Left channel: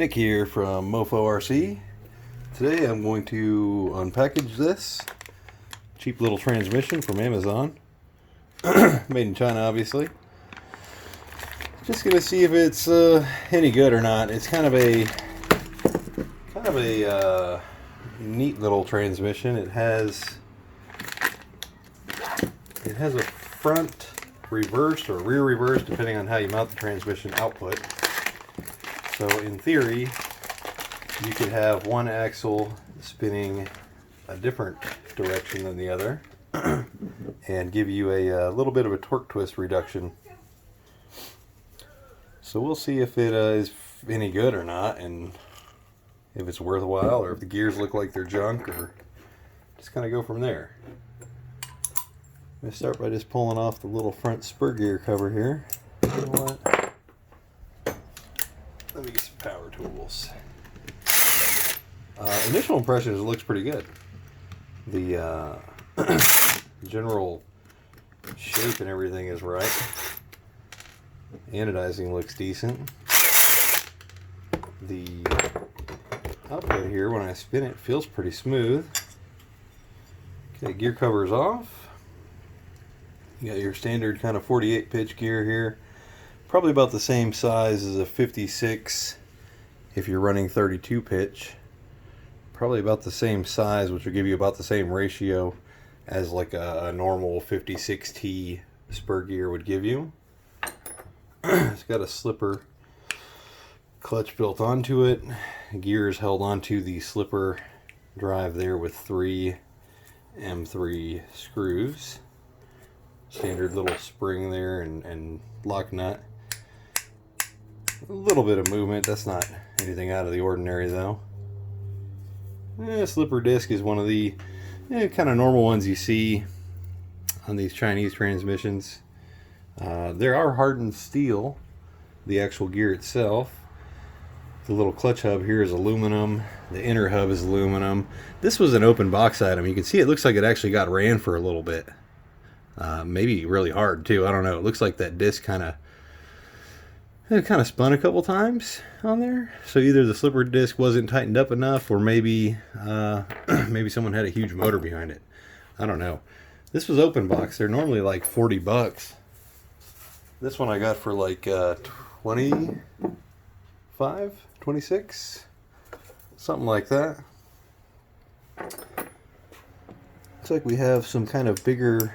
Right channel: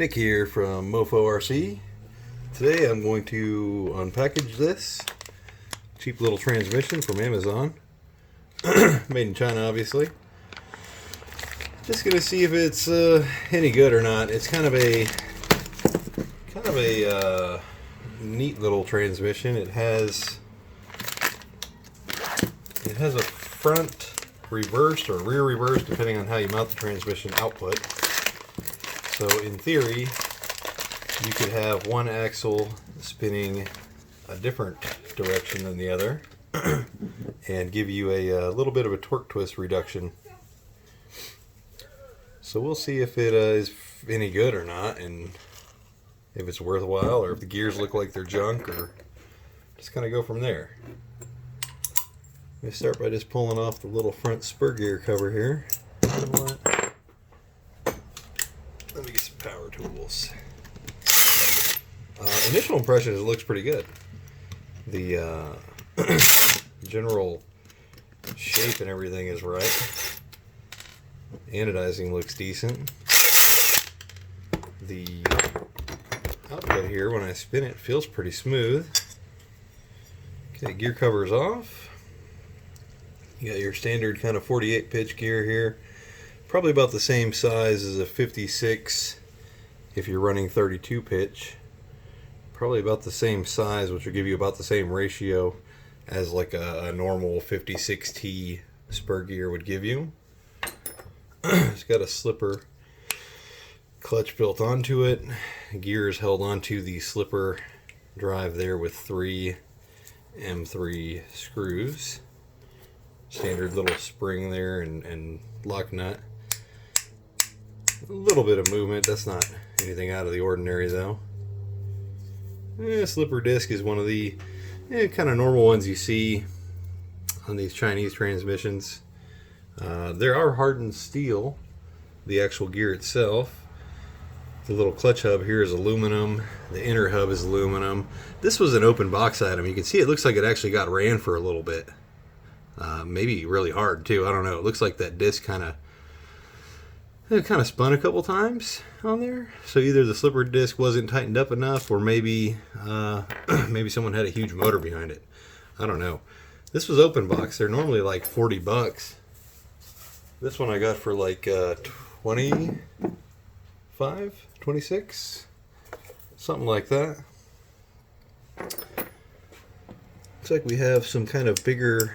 Nick here from Mofo RC. Today I'm going to unpackage this cheap little transmission from Amazon. Made in China, obviously. Just gonna see if it's any good or not. It's kind of a neat little transmission. It has a front reversed or rear reversed, depending on how you mount the transmission output. So in theory, you could have one axle spinning a different direction than the other and give you a little bit of a torque twist reduction. So we'll see if it is any good or not, and if it's worthwhile, or if the gears look like they're junk, or just kind of go from there. I'm going to start by just pulling off the little front spur gear cover here. You know what? Let me get some power tools. Initial impression is it looks pretty good. The general shape and everything is right. The anodizing looks decent. The output here, when I spin it, feels pretty smooth. Okay, gear cover's off. You got your standard kind of 48 pitch gear here. Probably about the same size as a 56 if you're running 32 pitch. Probably about the same size, which will give you about the same ratio as like a normal 56T spur gear would give you. It's got a slipper clutch built onto it. Gear is held onto the slipper drive there with 3 M3 screws. Standard little spring there and lock nut. A little bit of movement, that's not anything out of the ordinary though. Slipper disc is one of the kind of normal ones you see on these Chinese transmissions. There are hardened steel, the actual gear itself. The little clutch hub here is aluminum. The inner hub is aluminum. This was an open box item. You can see it looks like it actually got ran for a little bit. Maybe really hard too. I don't know. It looks like that disc kind of spun a couple times on there. So either the slipper disc wasn't tightened up enough, or maybe maybe someone had a huge motor behind it. I don't know. This was open box. They're normally like 40 bucks. This one I got for like 25, 26, something like that. Looks like we have some kind of bigger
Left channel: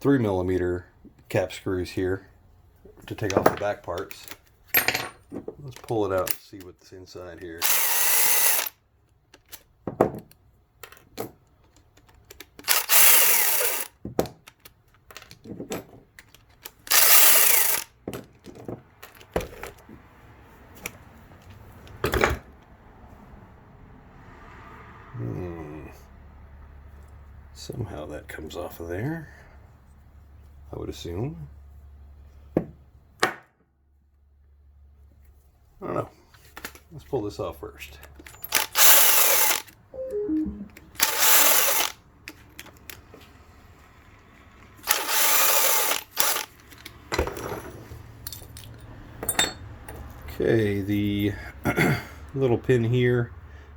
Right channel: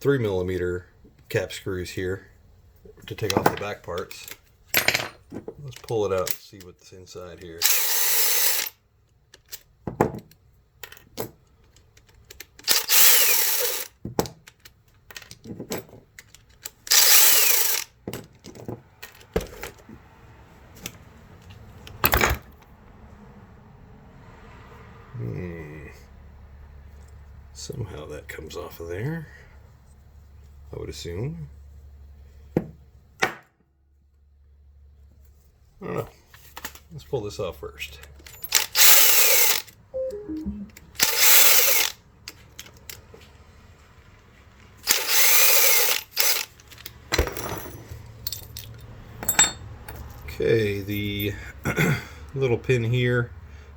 3mm cap screws here to take off the back parts. Let's pull it out and see what's inside here. Somehow that comes off of there, I would assume. I don't know. Let's pull this off first. Okay, the little pin here,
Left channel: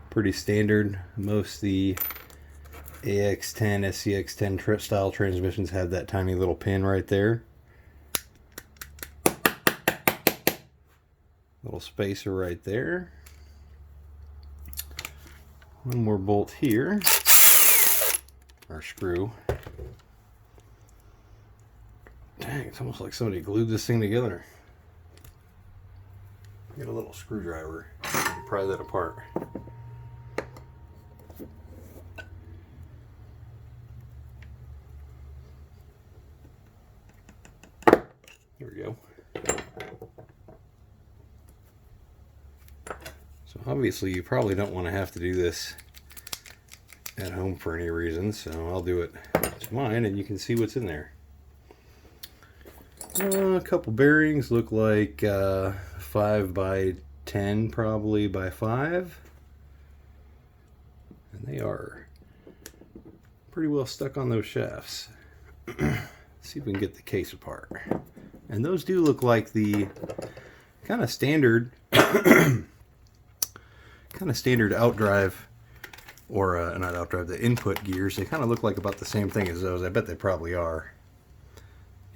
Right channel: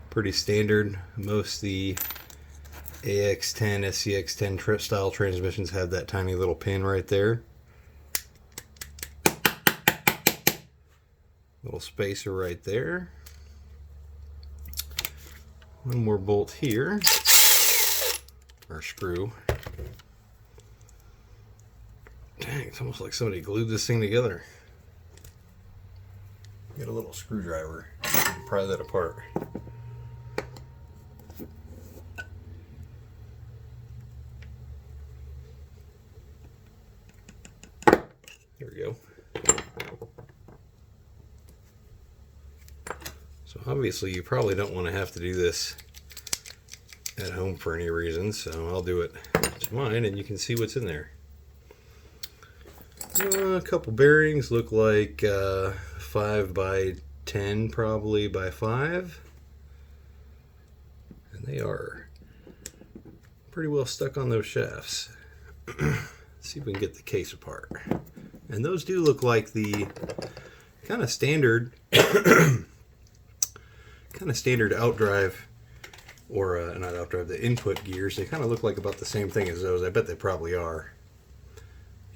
pretty standard. Most the AX10, scx10 style transmissions have that tiny little pin right there. Little spacer right there. One more bolt here, or screw. Dang, it's almost like somebody glued this thing together. Get a little screwdriver and pry that apart. There we go. So obviously you probably don't want to have to do this at home for any reason, so I'll do it to mine and you can see what's in there. A couple bearings, look like 5 by 10 probably by 5. And they are pretty well stuck on those shafts. Let's see if we can get the case apart. And those do look like the kind of standard, kind of standard outdrive, or not outdrive, the input gears. They kind of look like about the same thing as those. I bet they probably are.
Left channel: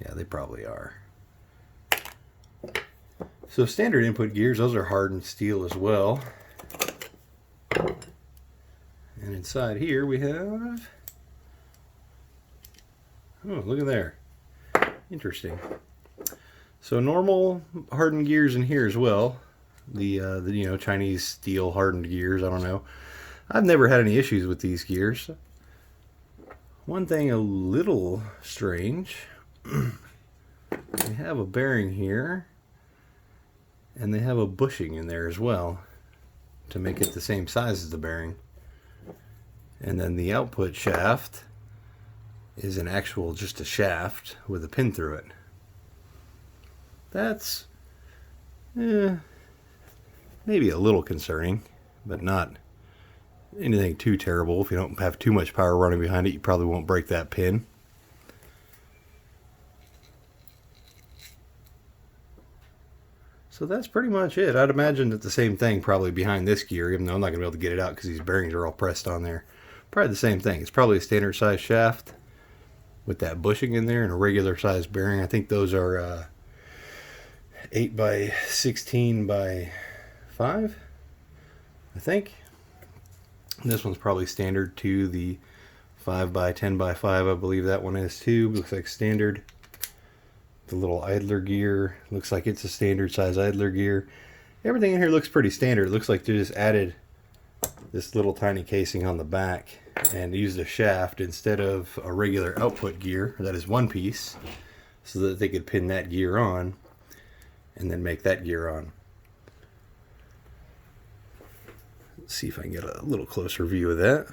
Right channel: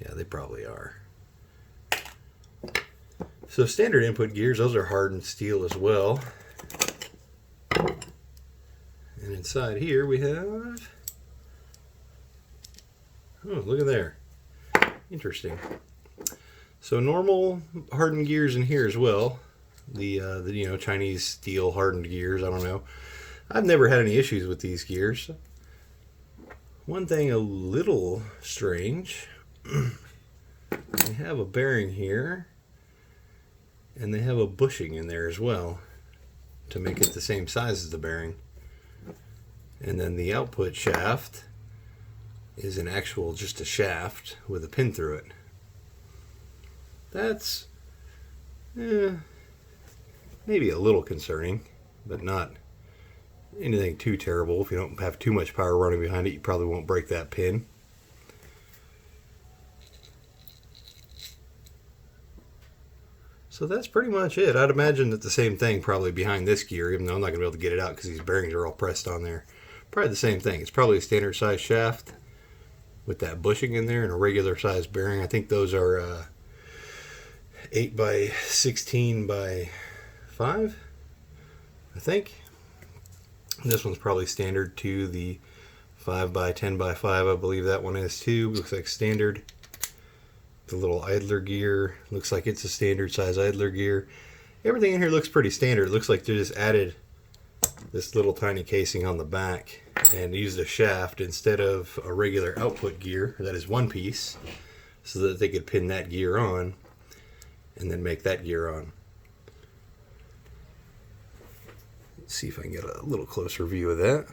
Yeah, they probably are. So standard input gears, those are hardened steel as well. And inside here we have, oh, look at there. Interesting. So normal hardened gears in here as well. The Chinese steel hardened gears, I don't know. I've never had any issues with these gears. One thing a little strange, they have a bearing here, and they have a bushing in there as well to make it the same size as the bearing. And then the output shaft is an actual, just a shaft with a pin through it. That's maybe a little concerning, but not anything too terrible. If you don't have too much power running behind it, you probably won't break that pin. So that's pretty much it. I'd imagine that the same thing probably behind this gear, even though I'm not going to be able to get it out because these bearings are all pressed on there. Probably the same thing. It's probably a standard size shaft with that bushing in there and a regular size bearing. I think those are 8 by 16 by 5, I think. And this one's probably standard to the 5 by 10 by 5. I believe that one is too. Looks like standard. The little idler gear looks like it's a standard size idler gear. Everything in here looks pretty standard. It looks like they just added this little tiny casing on the back and used a shaft instead of a regular output gear that is one piece, so that they could pin that gear on and then make that gear on. Let's see if I can get a little closer view of that.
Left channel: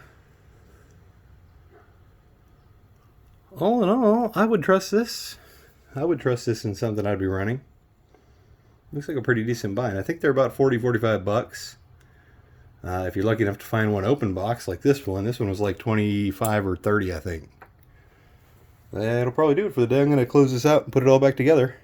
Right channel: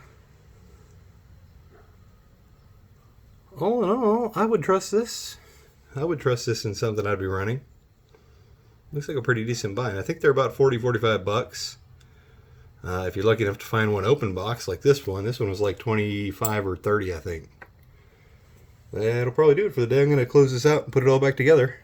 All in all, I would trust this. I would trust this in something I'd be running. Looks like a pretty decent buy. And I think they're about 40-45 bucks. If you're lucky enough to find one open box like this one was like 25 or 30, I think. That'll probably do it for the day. I'm going to close this out and put it all back together.